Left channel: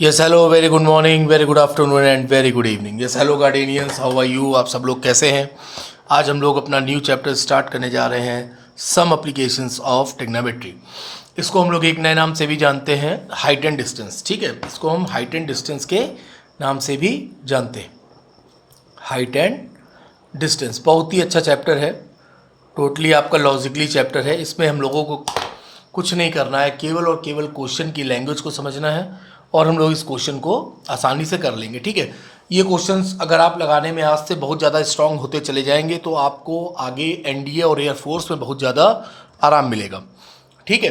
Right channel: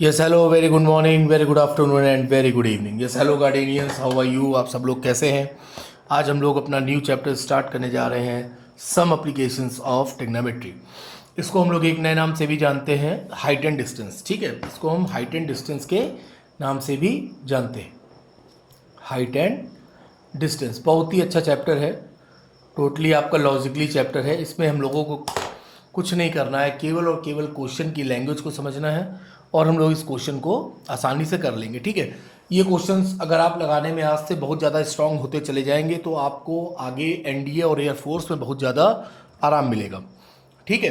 Yes hello, very good morning, very good afternoon and very good evening. Yes hello guardians, how are you? आप सब लोग कैसे हैं? आज हम लोग अपना न्यू चैप्टर स्टार्ट करने जा रहे हैं, सम एप्लीकेशंस ऑफ ट्रिग्नोमेट्री। इसको हम लोग एक नए नाम से भी जानते हैं, हाइट एंड डिस्टेंस। ठीक है, इसको हम हाइट एंड डिस्टेंस के नाम से भी जानते हैं। हाइट एंड डिस्टेंस बहुत ही अच्छा चैप्टर है, टोटली आपका लॉजिकली चैप्टर है। इसमें हम लोगों को कुछ नहीं करना है, केवल और केवल क्वेश्चन की लैंग्वेज को समझना है और हम लोग इस क्वेश्चन को आसानी से कर लेंगे। ठीक है, ये क्वेश्चंस अगर आप लगाने में आज से बहुत ज़्यादा स्ट्रांग होते चले जाएंगे तो आपको आगे एनडीए और एयरफोर्स में बहुत ज़्यादा आराम मिलेगा। ठीक है,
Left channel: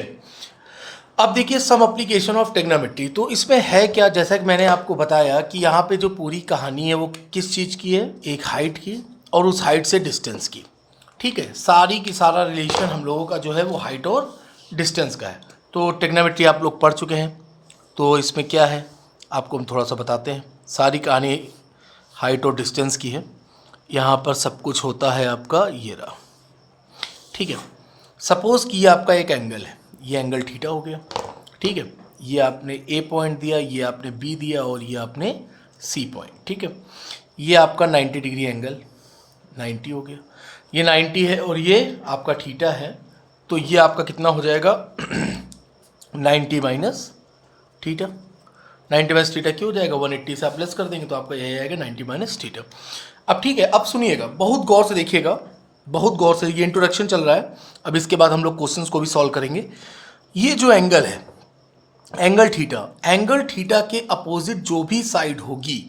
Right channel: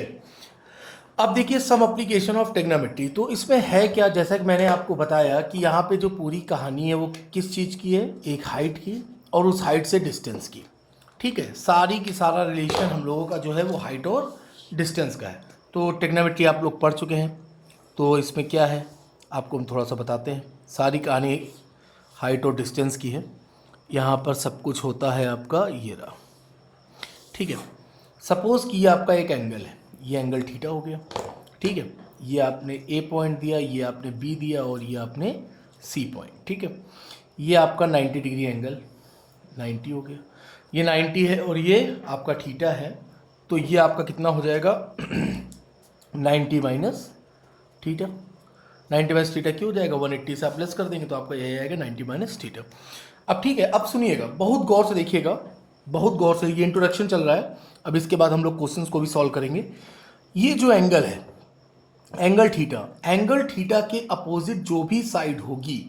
अब देखिए सम एप्लीकेशन ऑफ ट्रिग्नोमेट्री। तो इसमें है क्या, जैसा कि मैंने आपको बताया कि यहाँ पे जो पूरी कहानी है वो किस चीज़ की है, एक हाइट की और उस हाइट से डिस्टेंस की। ठीक है, सारी की सारा रिलेशन हम लोगों का जो है वो हाइट और डिस्टेंस का है। तो ट्रिग्नोमेट्री आप लोग पढ़ चुके हैं, तो इसमें क्या है आपको हम थोड़ा सा बताते हैं। सारी कहानी हाइट और डिस्टेंस की है। यहाँ पर सब कुछ होता है आपका ये रहा। ठीक है, सपोज़ कि ये आपका एक एंगल है, ये एंगल थीटा हो गया। ठीक है, ये आपने ए पॉइंट दिया, ये आपने बी दिया और ये आपने सी पॉइंट। ठीक है, ये आपका 90 डिग्री एंगल 90 हो गया, ये 90 है और ये आपका थीटा है। तो ये आपका कितना हो जाएगा 90 माइनस थीटा। 90 माइनस थीटा क्यों हो जाएगा, 180 से आप प्लस कर देंगे तो आपका यही आएगा 90 माइनस थीटा। अब ठीक है, अब सुनिएगा, बहुत गौर से देखिएगा, बहुत गौर से। ये इंट्रोडक्शन चल रहा है, अब इसके बाद हम लोग क्वेश्चंस को भी सॉल्व करेंगे। ये जो एंगल है, एंगल थीटा के अपोजिट जो भी साइड होगी,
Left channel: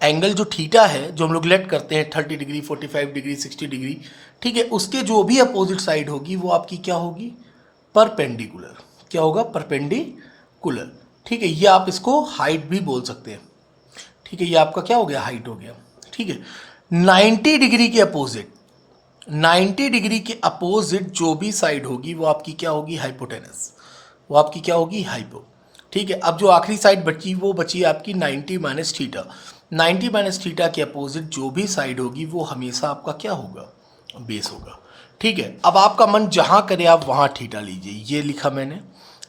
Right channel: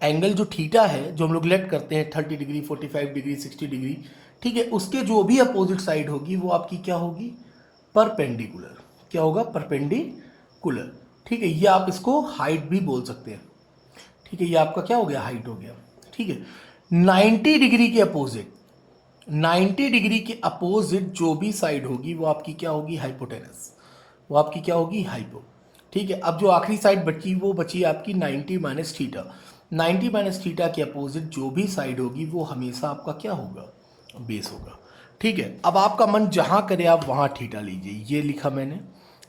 एंगल जो थीटा है जो हम लोग लेट करते हैं 30 डिग्री 45 डिग्री 60 डिग्री, ठीक है, उसके जो भी अपोजिट साइड होगी वो आपकी क्या होगी, परपेंडिकुलर। क्या होगा, परपेंडिकुलर। ठीक है, ये आप इसको हाइट भी बोल सकते हैं। ठीक है, ये आपका क्या हो गया, हाइट हो गया। ठीक है, 90 डिग्री के अपोजिट, 90 डिग्री के अपोजिट जो भी साइड होगी वो आपकी क्या होगी, हाइपोटेनस। वो आपकी क्या होगी, हाइपो। ठीक है, अब जो आखिरी साइड बची वो बची आपकी 90 माइनस थीटा। 90 माइनस थीटा के अपोजिट जो भी साइड होगी वो हमेशा आपका क्या होगा, बेस होगा। ठीक है, अब आपका मन जहाँ करे आप वहाँ थीटा लीजिए। ये लिखा मैंने,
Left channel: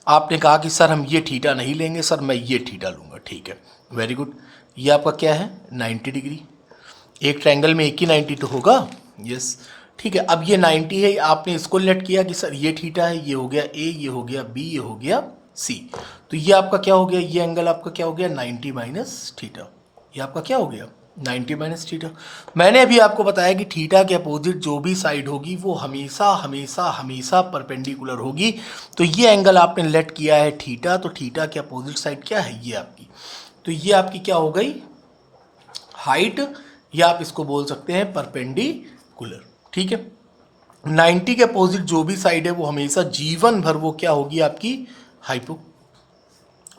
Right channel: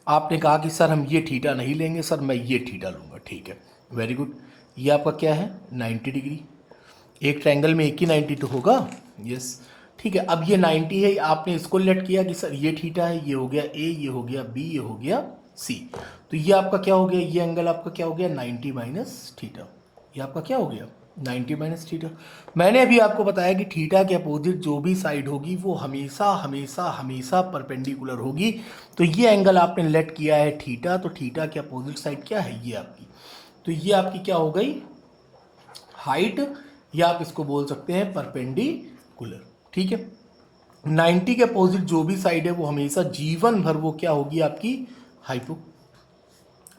आपने कहा कि सर हम ये थीटा नहीं लेंगे, सर मैं ये थीटा लूँगा। ठीक है, वेरी गुड। ये आपका क्या है, 90 डिग्री। एक ट्रायंगल में एक ही 90 तो होगा। यस, ठीक है, अब ये 90 है, आपने इसको लेट किया कि सर ये थीटा है, ये हो गया ए, ये हो गया बी, ये हो गया सी। तो ये आपका क्या हो गया, ये एंगल आपका क्या हो गया, 90 माइनस थीटा। ये आपका क्या हो गया, 90 माइनस थीटा। मैंने अभी आपको बताया कि थीटा के अपोजिट जो भी साइड होगी वो हमेशा हमेशा हमेशा परपेंडिकुलर होगी। तो ये एंगल आपने लेट किया है थीटा, तो थीटा के अपोजिट साइड क्या है, ये आपकी। तो ये आपकी क्या हो गई, हाइट, या आप इसको बोल सकते हैं परपेंडिकुलर। ठीक है, 90 के अपोजिट जो भी साइड है वो हमेशा जीवन भर वो क्या होगी, आपकी हाइपो।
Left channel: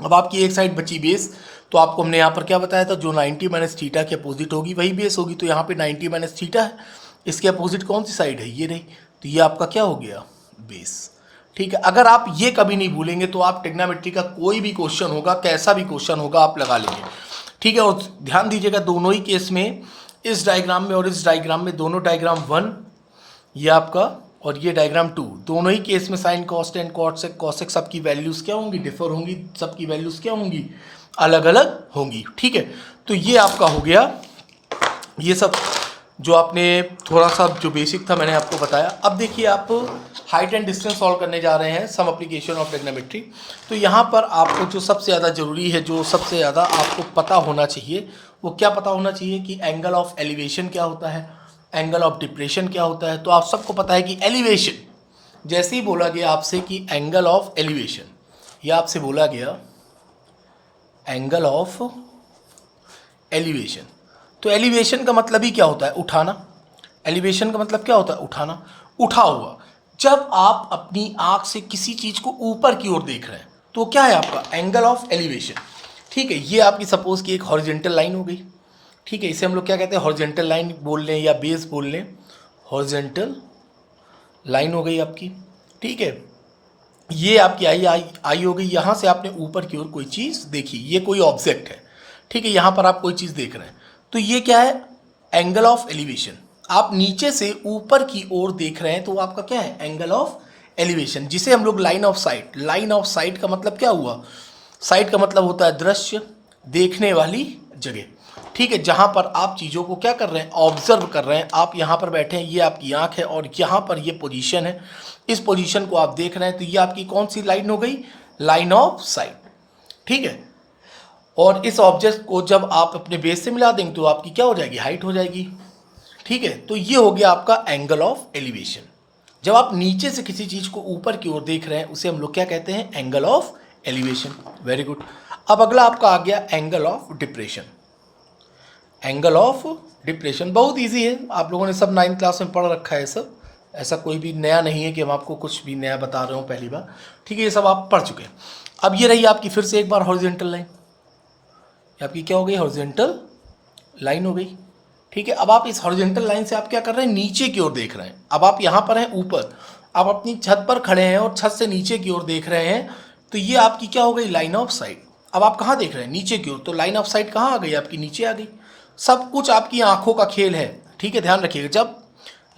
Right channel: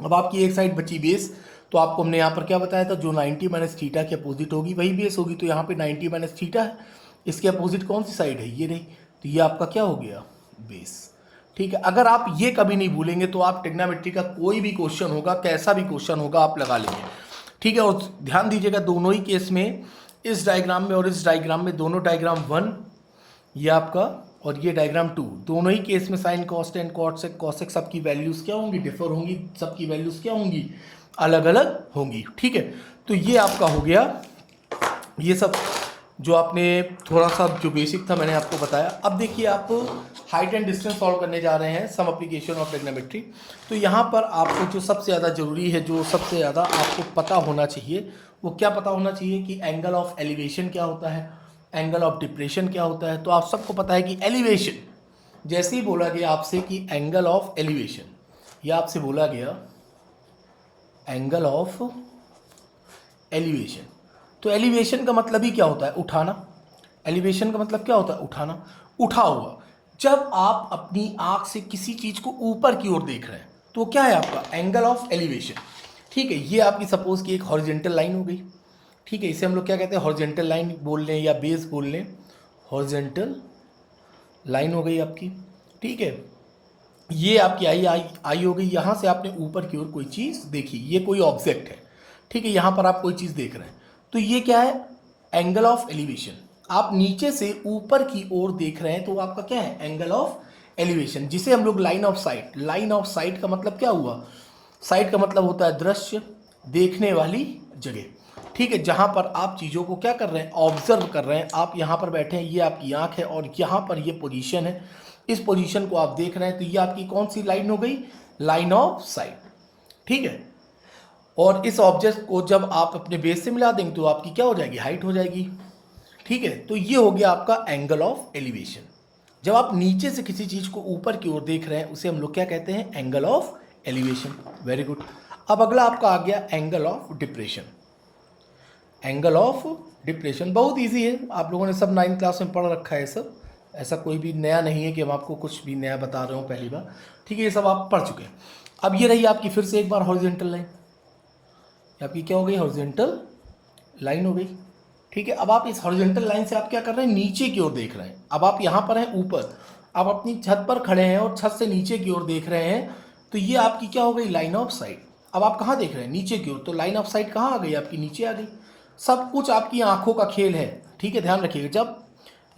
अब आपकी एक साइड बची बेस, तो आपको हमने यहाँ पर क्या बताया था, जो 90 माइनस थीटा के अपोजिट होगी वही बेस होगी। तो यहाँ पे 90 माइनस थीटा है, इसके अपोजिट कौन सी साइड है, ये रही। तो ये आपका क्या हो गया, बेस। ठीक है, अगर आप ये कभी नहीं भूलेंगे तो आप ट्रिग्नोमेट्री का कोई भी क्वेश्चन होगा, कैसा भी क्वेश्चन होगा, आप लगा लेंगे। ठीक है, और ध्यान दीजिएगा दोनों ही केस में, इस डायग्राम में और इस डायग्राम में, दोनों डायग्राम 1 ये आपका और ये डायग्राम 2, दोनों ही केस में साइन कॉस्टेंट कॉसेक कॉसेक सबकी वैल्यूज़ क्या होंगी, डिफर होंगी, सबकी वैल्यूज़ क्या होंगी, अलग अलग होंगी। ठीक है, तो ये आपका हो गया, ये सब जो आपने थोड़ा सा जो बेसिक था मैंने आपको बताया। अब देखिए आप हाइट एंड डिस्टेंस सॉल्व करने जा रहे हैं, सम एप्लीकेशन ऑफ ट्रिग्नोमेट्री। तो यहाँ पर आपको जो सबसे ज़्यादा ज़रूरी है, जो सबसे ज़्यादा आपको पता होना चाहिए, वो क्या पता होना चाहिए कि एंगल ऑफ एलिवेशन क्या होता है, एंगल ऑफ डिप्रेशन क्या होता है। तो आप सबको पता है कि एलिवेशन, जैसे ही बोला गया आपसे कि एंगल ऑफ एलिवेशन, या आपसे बोला गया एंगल ऑफ एलिवेशन, तो एलिवेशन का मतलब ही क्या होता है, उठाना। एलिवेशन का मतलब क्या होता है, उठाना, उठा हुआ। जब आप अपनी आंख से किसी चीज़ को ऊपर की ओर देख रहे हैं तो क्या है आपका एंगल ऑफ एलिवेशन। ठीक है, ये आपकी सपोज की एक हॉरिजेंटल लाइन हो गई। ठीक है, इसे हम लोग क्या कहते हैं, हॉरिजेंटल लाइन बोल लें या बेस बोल लें, हॉरिजेंटल लाइन हो गई आपकी। ठीक है, ये आपकी आई हो गई, यहाँ से आपने ऊपर की ओर कोई चीज़ देखी, ये कोई ऑब्जेक्ट है। ठीक है, यहाँ पर आप कोई चीज़ देख रहे हैं, तो ये क्या है, एंगल ऑफ एलिवेशन। आप नीचे से ऊपर की ओर देख रहे हैं तो आपका क्या है, एंगल ऑफ एलिवेशन, जिसे हम लोग line of site. Line of site का मतलब क्या हुआ, साइट का मतलब होता है दृश्य, देखने वाली जगह, ठीक है, जहां पर आप चीज़ों को क्या कर रहे हैं, ऑब्जर्व कर रहे हैं। आप यहाँ पर बैठे हैं, ये आपकी आंख है और यहाँ पर ये पोजीशन है, इस पोजीशन को आप देख रहे हैं, तो ये आपकी कौन सी लाइन हो गई, लाइन ऑफ साइट, ठीक है। और इस ऑब्जेक्ट को जब आप अपने बेस से मिला देंगे तो आपकी क्या हो जाएगी, हाइट हो जाएगी, ठीक है। तो ये हो गया आपका एंगल ऑफ एलिवेशन। जब आप नीचे से किसी चीज़ को ऊपर की ओर देख रहे हैं उसे हम लोग क्या कहते हैं, angle of elevation. Very good. अब अगला आपका आ गया angle of depression. Angle of depression बहुत इजी है, आप लोगों ने सब 9th क्लास में पढ़ रखा है सब, ऐसा कोई भी नया नहीं है कि हम आपको कुछ भी नया बता रहे हो पहली बार, ठीक है, ये सब आप पढ़ चुके हैं। अब ये रही आपकी फिर से एक बार हॉरिजॉन्टल लाइन, आपकी क्या हो गई, हॉरिजॉन्टल लाइन हो गई, ठीक है। अब आप इस हॉरिजॉन्टल लाइन से आप क्या कर रहे हैं, नीचे की ओर देख रहे हैं। अब आप यहाँ पर हैं ऊपर, आप अपनी छत पर खड़े हैं और छत से नीचे की ओर देख रहे हैं, तो ये आपकी क्या हो गई, लाइन ऑफ साइट। अब आप कहाँ देख रहे हैं, नीचे की ओर, तो लाइन ऑफ साइट कहाँ आ गई, आपकी नीचे आ गई। सब कुछ आपकी आंखों का खेल है, ठीक है, ध्यान रखिएगा। जब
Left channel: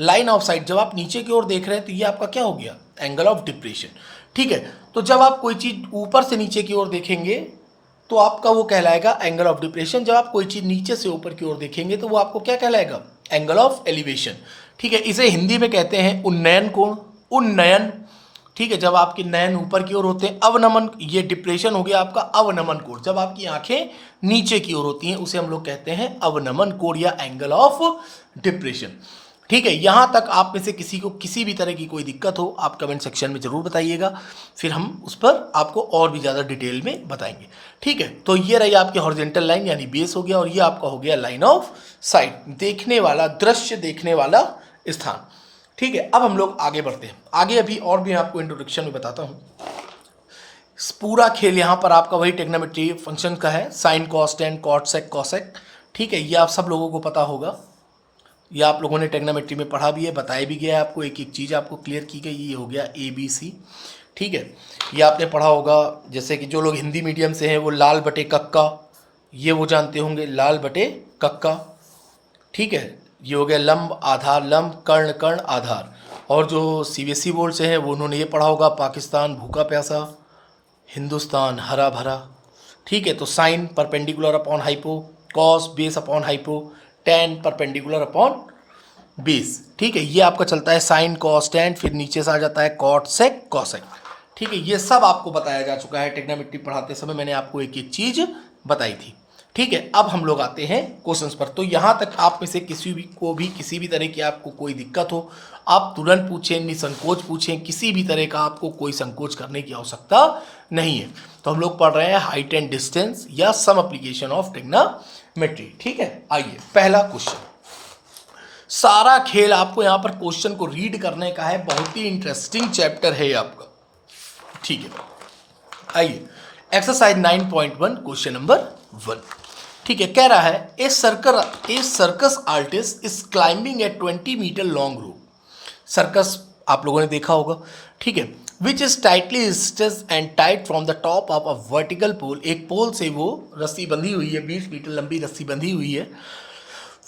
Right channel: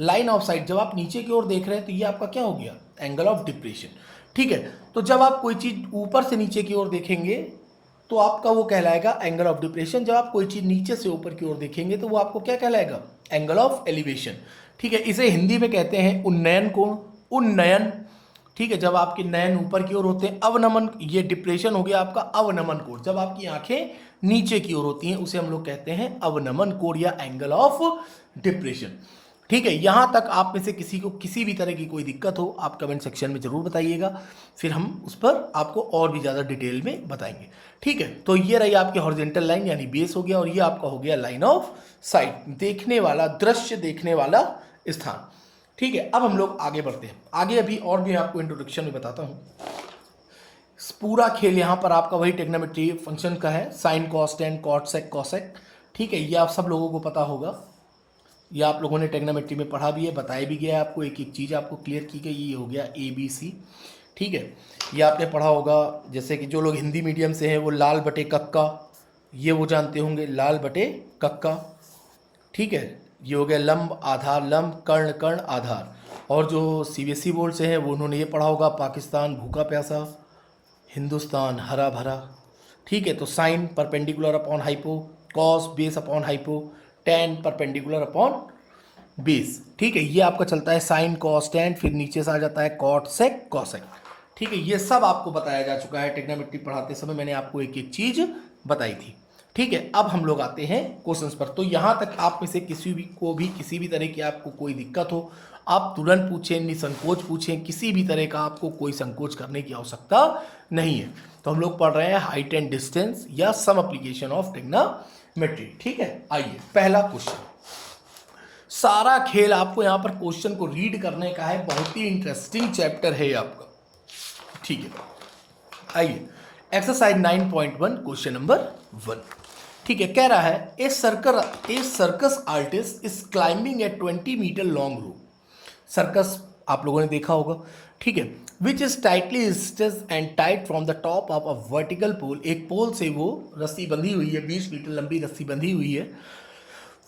लाइन ऑफ साइट, जब आप नीचे की ओर देख रहे हैं तो ये आपका क्या हो गया, एंगल ऑफ डिप्रेशन, ठीक है। तो जब आप कोई चीज़ ऊपर से नीचे की ओर देखेंगे तो आपका वो कहलाएगा एंगल ऑफ डिप्रेशन। जब आप कोई चीज़ नीचे से ऊपर की ओर देखेंगे तो वो आपको क्या कहलाएगा, एंगल ऑफ एलिवेशन, ठीक है। इसे हिंदी में कहते हैं उन्नयन कोण, उन्नयन, ठीक है। जब आपके नयन ऊपर की ओर होते हैं, अवनमन, ये डिप्रेशन हो गया आपका अवनमन कोण। जब आपकी आंखें नीचे की ओर होती हैं उसे हम लोग कहते हैं अवनमन कोण या एंगल ऑफ डिप्रेशन, ठीक है। यहाँ तक आप में से किसी को किसी भी तरह की कोई दिक्कत हो आप कमेंट सेक्शन में ज़रूर बताइएगा, फिर हम उस पर आपको और भी ज़्यादा डिटेल में बताएंगे, ठीक है। तो ये रही आपकी हॉरिजॉन्टल लाइन यानी बेस हो गया, और ये आपका हो गया लाइन ऑफ साइट, देखने वाला दृश्य, देखने वाला स्थान, ठीक है। अब हम लोग आगे बढ़ते हैं, आगे अभी और भी आपको इंट्रोडक्शन में बताता हूँ। पूरा खेल यहाँ पर आपका वही ट्रिग्नोमेट्री फंक्शन का है, sine cos tan cot sec cosec, ठीक है। ये आप सब लोगों को पता होगा, ये आप लोगों ने ट्रिग्नोमेट्री में पढ़ा भी है, बताया भी गया है आपको, एक एक चीज़ आपको क्लियर की गई। ये हो गया ABC, ठीक है। ये आपने पढ़ा होगा, जैसे कि जो लोग हिंदी मीडियम से हैं वो लाल बटे कक्का, ये वो जानते होंगे, लाल बटे कक्का, ठीक है। ये हो गया लंब आधार, लंब कर्ण कर्ण आधार। और जो CBSE बोर्ड से हैं वो उन्होंने ये पढ़ा होगा, पाकिस्तान भूखा प्यासा, हिंदुस्तान हरा भरा, ठीक है। तो sine perpendicular upon hypo, cos base upon hypo, tan perpendicular upon base, ठीक है। ये आपका चलता है साइन कॉस टेन, फिर नीचे से आ जाता है कॉट सेक कॉसेक, ठीक है। ये सब आपको बताया जा चुका है, ट्रिग्नोमेट्री पढ़ाते समय मैंने आपको एक एक चीज़ बताई थी, ठीक है। अब हम लोग आते हैं क्वेश्चंस पर। तो यहाँ तक आप में से किसी भी को भी किसी भी तरह की आपको कोई दिक्कत हो आप तुरंत पूछें, निसंकोच पूछें, किसी भी तरह का आपको कोई संकोच करने की आवश्यकता नहीं है। तो हम लोग पढ़ रहे हैं हाइट एंड डिस्टेंस या सम एप्लीकेशन ऑफ ट्रिग्नोमेट्री, ठीक है। आइए पहला क्वेश्चन, सारा खेल आपको यहाँ पर क्वेश्चन को रीड करने का है, बहुत ही इंटरेस्टिंग चैप्टर है आपका, ठीक है। आइए एक्सरसाइज 9.1 क्वेश्चन नंबर 1, ठीक है। कह रहा है a circus artist is climbing a 20 metre long rope. Circus आप लोगों ने देखा होगा, ठीक है। Which is tightly stitched and tight from the top of a vertical pole, एक पोल से वो रस्सी बंधी हुई है, 20 मीटर लंबी रस्सी बंधी हुई है।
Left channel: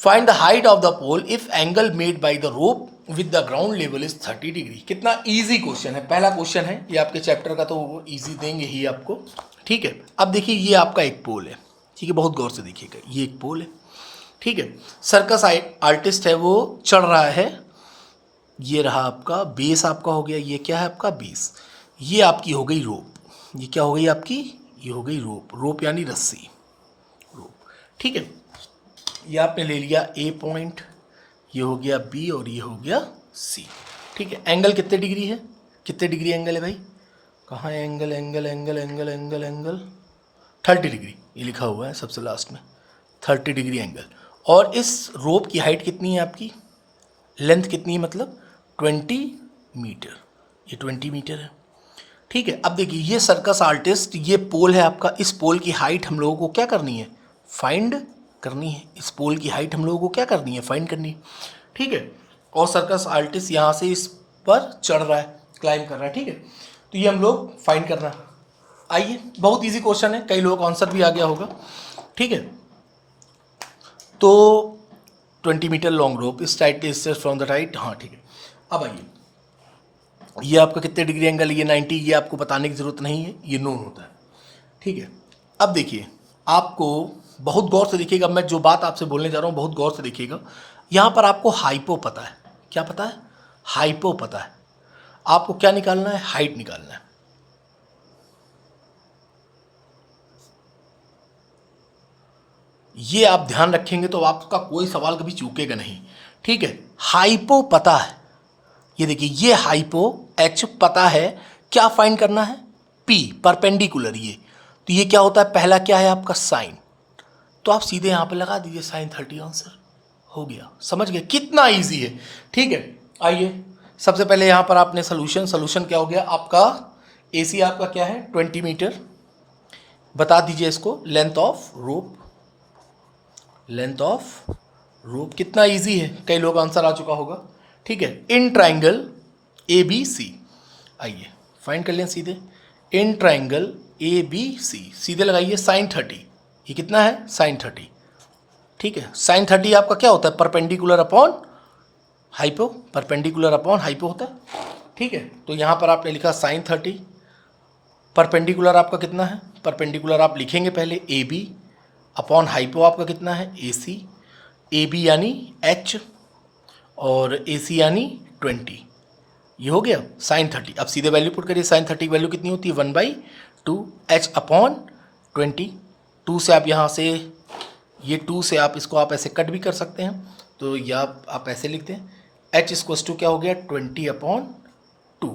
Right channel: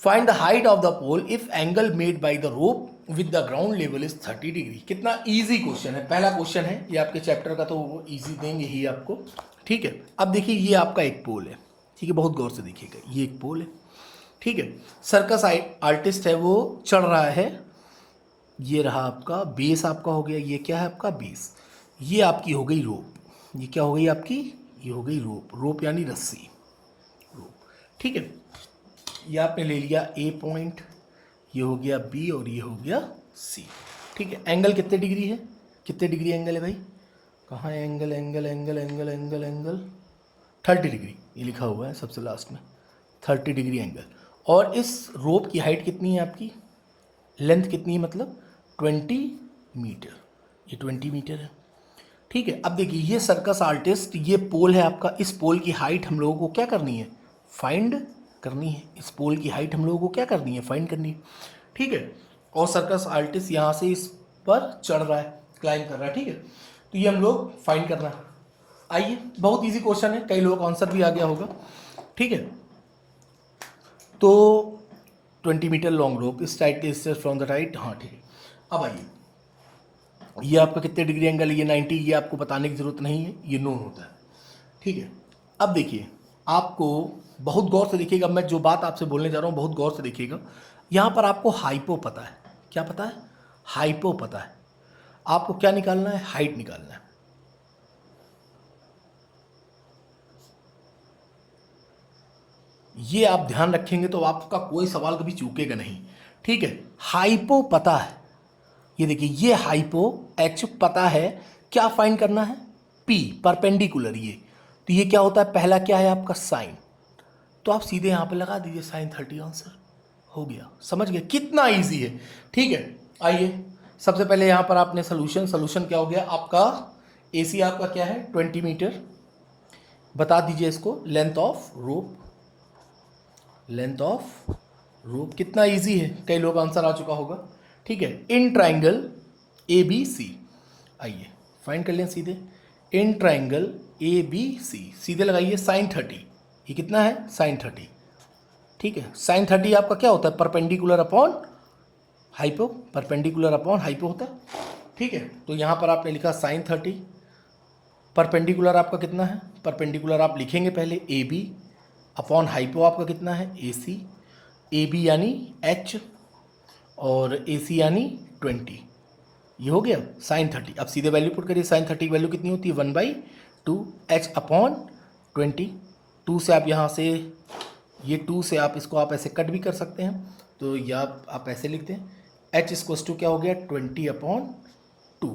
Find the height of the pole if angle made by the rope with the ground level is 30 degree. कितना इजी क्वेश्चन है, पहला क्वेश्चन है ये आपके चैप्टर का, तो वो इजी देंगे ही आपको, ठीक है। अब देखिए ये आपका एक पोल है, ठीक है, बहुत गौर से देखिएगा, ये एक पोल है, ठीक है। सर्कस आर्टिस्ट है वो चढ़ रहा है, ये रहा आपका बेस, आपका हो गया, ये क्या है आपका बेस, ये आपकी हो गई रोप, ये क्या हो गई आपकी, ये हो गई रोप, रोप यानी रस्सी, रोप, ठीक है। ये आपने ले लिया A पॉइंट, ये हो गया B और ये हो गया C, ठीक है। एंगल कितने डिग्री है, कितने डिग्री एंगल है भाई, कहाँ है angle, angle angle angle angle angle 30 degree, ये लिखा हुआ है सबसे लास्ट में, 30 डिग्री एंगल। और इस रोप की हाइट कितनी है आपकी, लेंथ कितनी है, मतलब 20 मीटर, ये 20 मीटर है, ठीक है। अब देखिए ये सर्कस आर्टिस्ट, ये पोल है आपका, इस पोल की हाइट हम लोगों को क्या करनी है, फाइंड करनी है। इस पोल की हाइट हम लोगों को क्या करनी है, फाइंड करनी है, ठीक है। और सर्कस आर्टिस्ट यहाँ से इस पर चढ़ रहा है, क्लाइंब कर रहा है, ठीक है। तो ये हम लोग फाइंड करना है। आइए बहुत इजी क्वेश्चन है, कई लोग आंसर भी आ गया होगा, ठीक है। तो 20 मीटर लॉन्ग रोप इस टाइट फ्रॉम द राइट, हाँ ठीक है। अब आइए ये आपका कितने डिग्री एंगल, ये 90, ये आपको बताने की ज़रूरत नहीं है, ये नोन होता है, ठीक है। अब देखिए आपको बहुत गौर से देखिएगा, मैं जो बात आपसे बोलने जा रहा हूँ बहुत गौर से देखिएगा। यहाँ पर आपको हाइपो पता है, क्या पता है? हाइपो पता है। आपको क्या निकालना है? हाइट निकालना है। ये आप ध्यान रखेंगे तो आपका कोई सवाल कभी चूकेगा नहीं, ठीक है। हाइपो पता है, ये देखिए ये हाइपो, एच पता है, क्या फाइंड करना है? पी, परपेंडिकुलर ये। तो ये क्या होता है? पहला क्या है आपका? साइन। तो आप सीधे यहाँ पे लगा दीजिए साइन 30, आंसर हो गया। समझ गए कितना इजी है? ठीक है, आइए सबसे पहले यहाँ पर आपने सोल्यूशन क्या हो गया आपका? AC आपका क्या है? 20 मीटर। बता दीजिए इसको, length of rope, length of rope. कितना इजी है, कई लोग आंसर आ चुका होगा, ठीक है। इन ट्राइंगल ABC, आइए फाइंड कर लें सीधे। इन ट्राइंगल ABC सीधे लगाइए साइन 30, ये कितना है? साइन 30, ठीक है। साइन 30 आपका क्या होता है? Perpendicular upon hypo, perpendicular upon hypo होता है, ठीक है। तो यहाँ पर आपने लिखा साइन 30, परपेंडिकुलर आपका कितना है? परपेंडिकुलर आप लिखेंगे पहले AB अपॉन हाइपो आपका कितना है? AC, AB यानी H और AC यानी 20, ये हो गया साइन 30। अब सीधे वैल्यू पुट करिए, साइन 30 की वैल्यू कितनी होती है? 1/2 H अपॉन 20। 2 से आप यहाँ से, ये 2 से आप इसको आप ऐसे कट भी कर सकते हैं, तो या आप ऐसे लिखते हैं H इक्वल्स टू क्या हो गया? 20/2।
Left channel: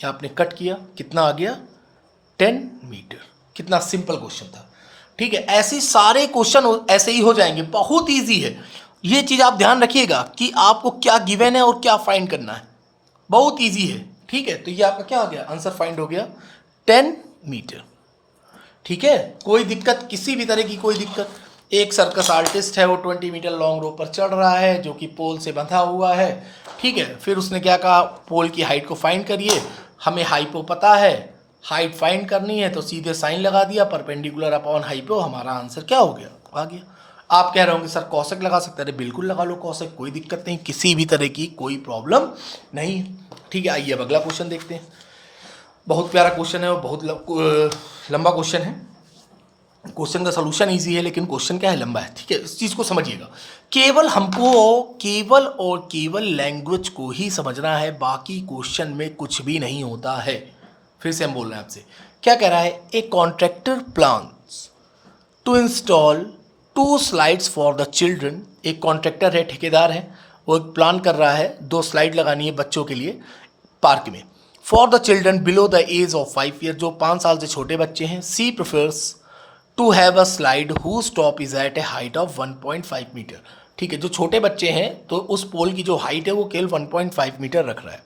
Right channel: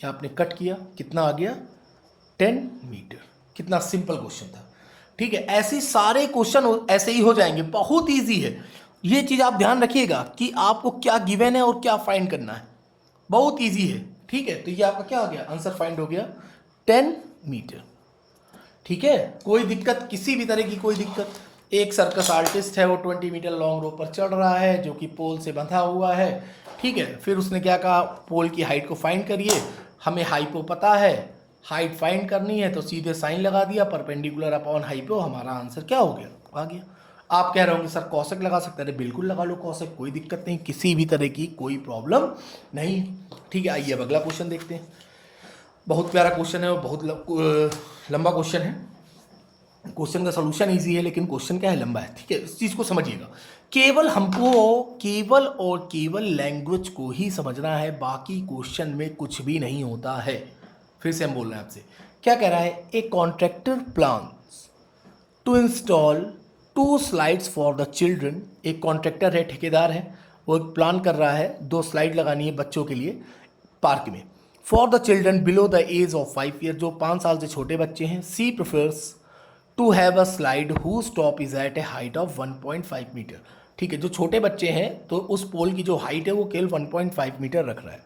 ये आपने कट किया, कितना आ गया? 10 मीटर। कितना सिंपल क्वेश्चन था, ठीक है। ऐसे सारे क्वेश्चन ऐसे ही हो जाएंगे, बहुत ईजी है। ये चीज़ आप ध्यान रखिएगा कि आपको क्या गिवन है और क्या फाइंड करना है, बहुत ईजी है, ठीक है। तो ये आपका क्या हो गया? आंसर फाइंड हो गया 10 मीटर, ठीक है। कोई दिक्कत, किसी भी तरह की कोई दिक्कत? एक सर्कस आर्टिस्ट है, वो 20 मीटर लॉन्ग रोप पर चढ़ रहा है जो कि पोल से बंधा हुआ है, ठीक है। फिर उसने क्या कहा? पोल की हाइट को फाइंड करिए। हमें हाइपो पता है, हाइट फाइंड करनी है, तो सीधे साइन लगा दिया, परपेंडिकुलर अपॉन हाइपो, हमारा आंसर क्या हो गया? आ गया। आप कह रहे होंगे सर कौशिक लगा सकते हैं, बिल्कुल लगा लो कौशिक, कोई दिक्कत नहीं, किसी भी तरह की कोई प्रॉब्लम नहीं है, ठीक है। आइए अब अगला क्वेश्चन देखते हैं। बहुत प्यारा क्वेश्चन है और बहुत लंबा क्वेश्चन है। क्वेश्चन का सलूशन इजी है, लेकिन क्वेश्चन क्या है? लंबा है, ठीक है। इस चीज़ को समझिएगा, केवल हमको केवल और केवल लैंग्वेज को ही समझना है, बाकी क्वेश्चन में कुछ भी नहीं होता है। फिर से हम बोल रहे हैं आपसे, क्या कह रहा है? A contractor plans to install 2 slides for the children. एक कॉन्ट्रैक्टर है, ठेकेदार है, वो एक प्लान कर रहा है 2 स्लाइड लगानी है बच्चों के लिए पार्क में, for the children below the age of 5 year, जो 5 साल से छोटे बच्चे हैं। She prefers to have a slide whose top is at a height of 1.5 metre, ठीक है। जो छोटे बच्चे हैं तो उस पोल की जो हाइट है वो केवल 1.5 मीटर रख रहा है।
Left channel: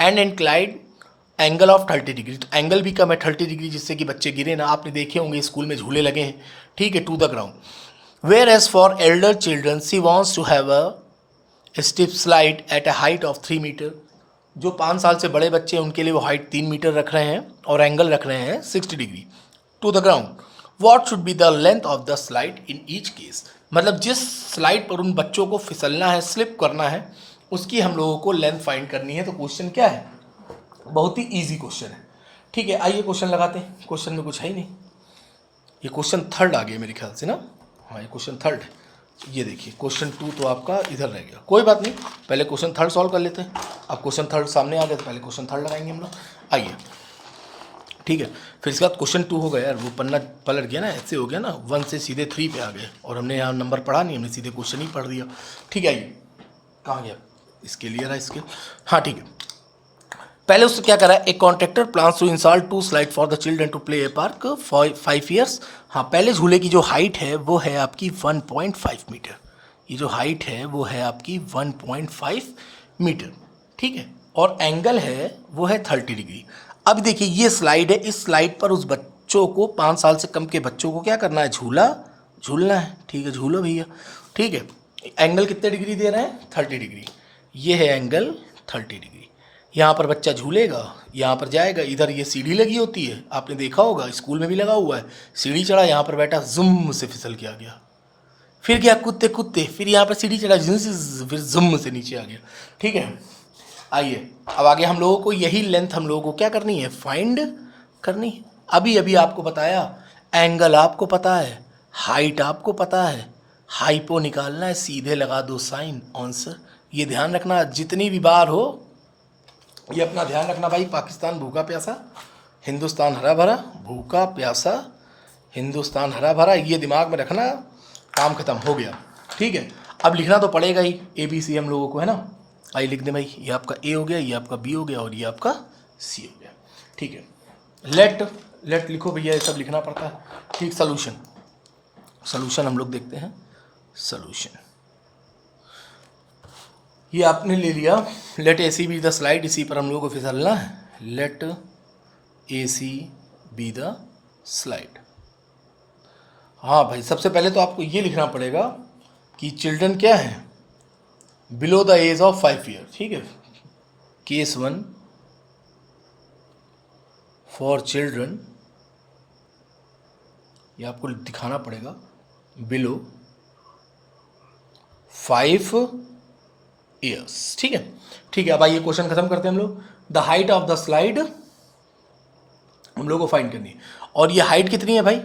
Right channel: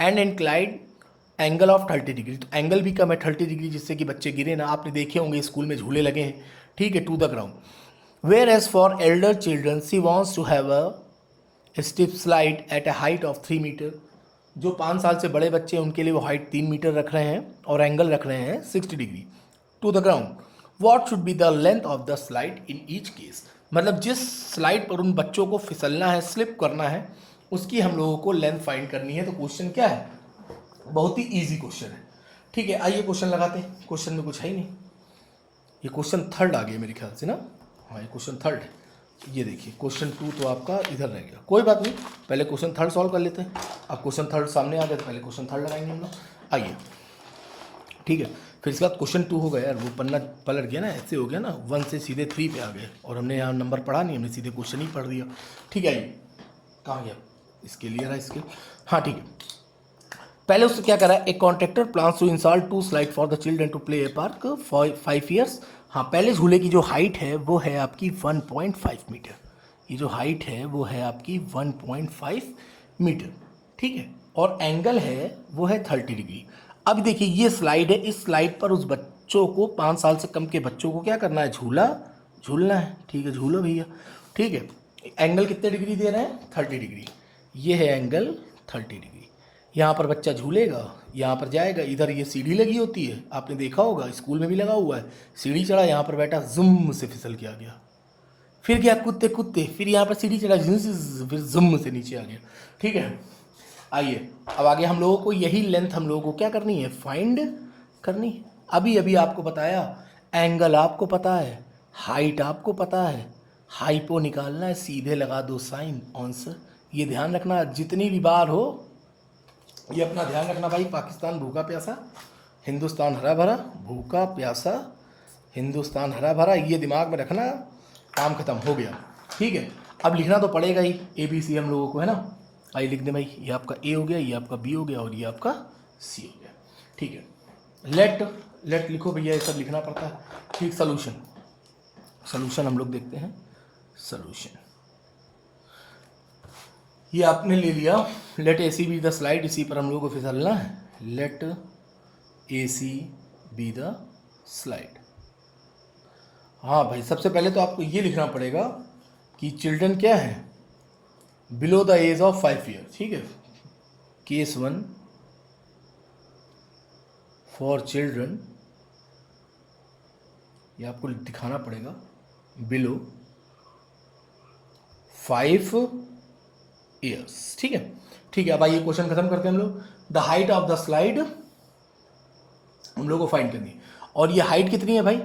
एंड इंक्लाइड एंगल ऑफ 30 डिग्री, तो एंगल भी कम है 30 डिग्री, जिससे कि बच्चे गिरे ना। आपने देखे होंगे स्कूल में झूले लगे हैं, ठीक है, to the ground. Whereas for elder children she wants to have a steep slide at a height of 3 metre. जो 5 साल से बड़े बच्चे हैं उनके लिए वो हाइट 3 मीटर रख रहे हैं और एंगल रख रहे हैं 60 degree to the ground. What should be the length of the slide in each case, मतलब जिस स्लाइड पर उन बच्चों को फिसलना है, स्लिप करना है, उसकी हम लोगों को लेंथ फाइंड करनी है। तो क्वेश्चन क्या है? बहुत ही इजी क्वेश्चन है, ठीक है। आइए क्वेश्चन लगाते हैं। क्वेश्चन में कुछ है ही नहीं, ये क्वेश्चन थर्ड आ गया मेरे ख्याल से ना, हाँ ये क्वेश्चन थर्ड है। ये देखिए क्वेश्चन 2 तो आपका इधर रह गया, कोई बात नहीं, पहले क्वेश्चन थर्ड सॉल्व कर लेते हैं। अब क्वेश्चन थर्ड सामने आ गया तो पहले क्वेश्चन थर्ड लगाएंगे हम लोग, आइए, ठीक है। फिर इसके बाद क्वेश्चन 2 हो गया यार, वो पन्ना पलट गया ना, ऐसे हो गया ना, 1 से सीधे 3 पे आ गए और हमने यहाँ नंबर पढ़ा नहीं, हमने सीधे क्वेश्चन ही पढ़ दिया, ठीक है। आइए कहाँ गया? इसके लिए रहा इसके, हाँ ठीक है। पहले उससे क्या करा है? एक contractor plans to install 2 slide for the children to play a park 5 years. हाँ, पहले झूले की जो हाइट है वो है आपकी 1.5 मीटर, ये जो हाइट है वो है आपकी 1.5 मीटर, ठीक है। और एंगल है वो है 30 डिग्री। अब देखिए ये स्लाइड है, इस स्लाइड पर उस बच्चों को, 5 साल से कम के बच्चों को क्या करना है? झूलना है, ठीक है, झूलो भैया, ठीक है। एंगल कितने डिग्री दे रहे हैं? 30 डिग्री, ये है एंगल 30 डिग्री। यहाँ पर बच्चा झूलेगा, यहाँ पर जाएगा, इधर ये सीढ़ी लगी होती है, आपने देखा होगा स्कूल में भी लगा हुआ है, सीढ़ी चढ़ा, यहाँ पर बैठा, जुम से फिसल के आ गया, फिर गया कूदते कूदते, फिर यहाँ पर सीढ़ी चढ़ा, फिर जुम से नीचे आ गया, ठीक है। आइए अब आगे हम लोगों को यही लेंथ हम लोगों को क्या करनी है? फाइंड करनी है। अभी अभी आपको बताया एंगल आपको पता है, हाइट आपको पता है, हाइपो निकालना है, सीधे लगा दो साइन आंसर। ये ध्यान रखना जितनी भी बार हो, ये अपना ध्यान रखना भाई। पाकिस्तान भूखा प्यासा, हिंदुस्तान हरा भरा, भूखा प्यासा हिंदुस्तान हरा भरा, ये दिमाग में रखना, काम खत्म हो गया। ठीक है, अब लिखना तो पड़ेगा ही ABC हम लोगों को, है ना। आइए लिख दें भाई, ये आपका A हो गया, ये आपका B हो गया और ये आपका C हो गया। ठीक है, लेट लिखो भैया, ये सब लिखना पड़ता है। ठीक, सोल्यूशन हम लोग देखते हैं। सोल्यूशन ये आपने ले लिया, let AC be the slide, इसी पर हम लोग को फिसलना है। Let AC be the slide. हाँ भाई, सबसे पहले तो आपको ये लिखना पड़ेगा कि चिल्ड्रन क्या है, below the age of 5 year. ठीक है, केस 1 फॉर चिल्ड्रन, ये आपको दिखाना पड़ेगा बिलो 5 ईयर्स। ठीक है, ठीक है। अब आइए क्वेश्चन खत्म करते हैं हम लोग। The height of the slide हम लोग को फाइंड करनी है, और ये हाइट कितनी है भाई,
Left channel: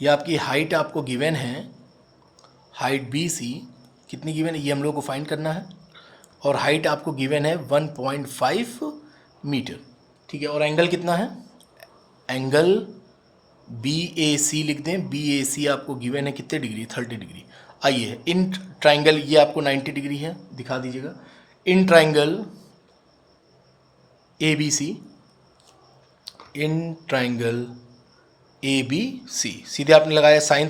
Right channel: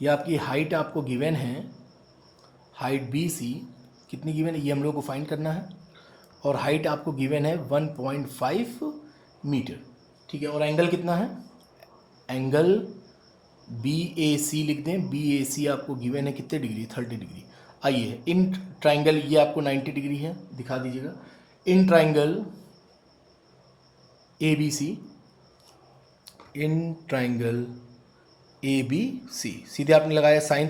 ये आपकी हाइट आपको गिवन है, हाइट BC कितनी गिवन है, ये हम लोग को फाइंड करना है। और हाइट आपको गिवन है 1.5 मीटर। ठीक है, और एंगल कितना है, एंगल BAC लिख दें। BAC आपको गिवन है कितने डिग्री, 30 डिग्री। आइए इन ट्राइंगल, ये आपको 90 डिग्री है, दिखा दीजिएगा। In triangle ABC, in triangle ABC, सीधे आपने लगाया साइन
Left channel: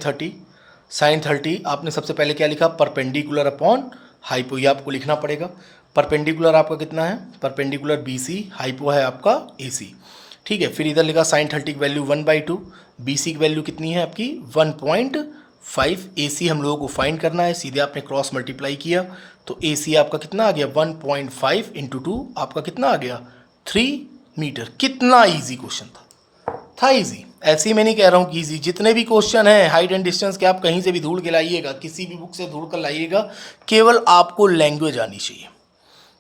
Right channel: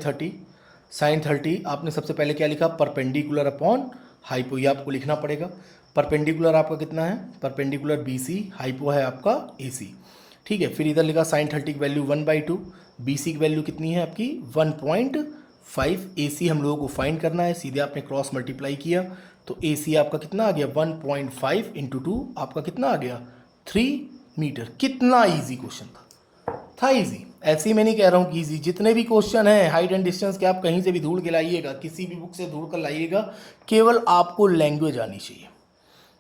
30 आपने सबसे पहले क्या लिखा, परपेंडिकुलर अपॉन हाइपो, ये आपको लिखना पड़ेगा। परपेंडिकुलर आपका कितना है, परपेंडिकुलर BC, हाइपो है आपका AC। ठीक है, फिर इधर लिखा साइन 30 की वैल्यू 1/2, BC की वैल्यू कितनी है आपकी 1.5, AC हम लोगों को फाइंड करना है, सीधे आपने क्रॉस मल्टीप्लाई किया तो AC आपका कितना आ गया 1.5 × 2 आपका कितना आ गया 3 मीटर। कितना ईजी क्वेश्चन था इजी। ऐसे ही मैं नहीं कह रहा हूँ कि इजी, जितने भी क्वेश्चन हैं हाइट एंड डिस्टेंस के, आप कहीं से भी ढूंढ के लाइएगा, किसी भी बुक से ढूंढ कर लाइएगा, केवल आपको लैंग्वेज आनी चाहिए।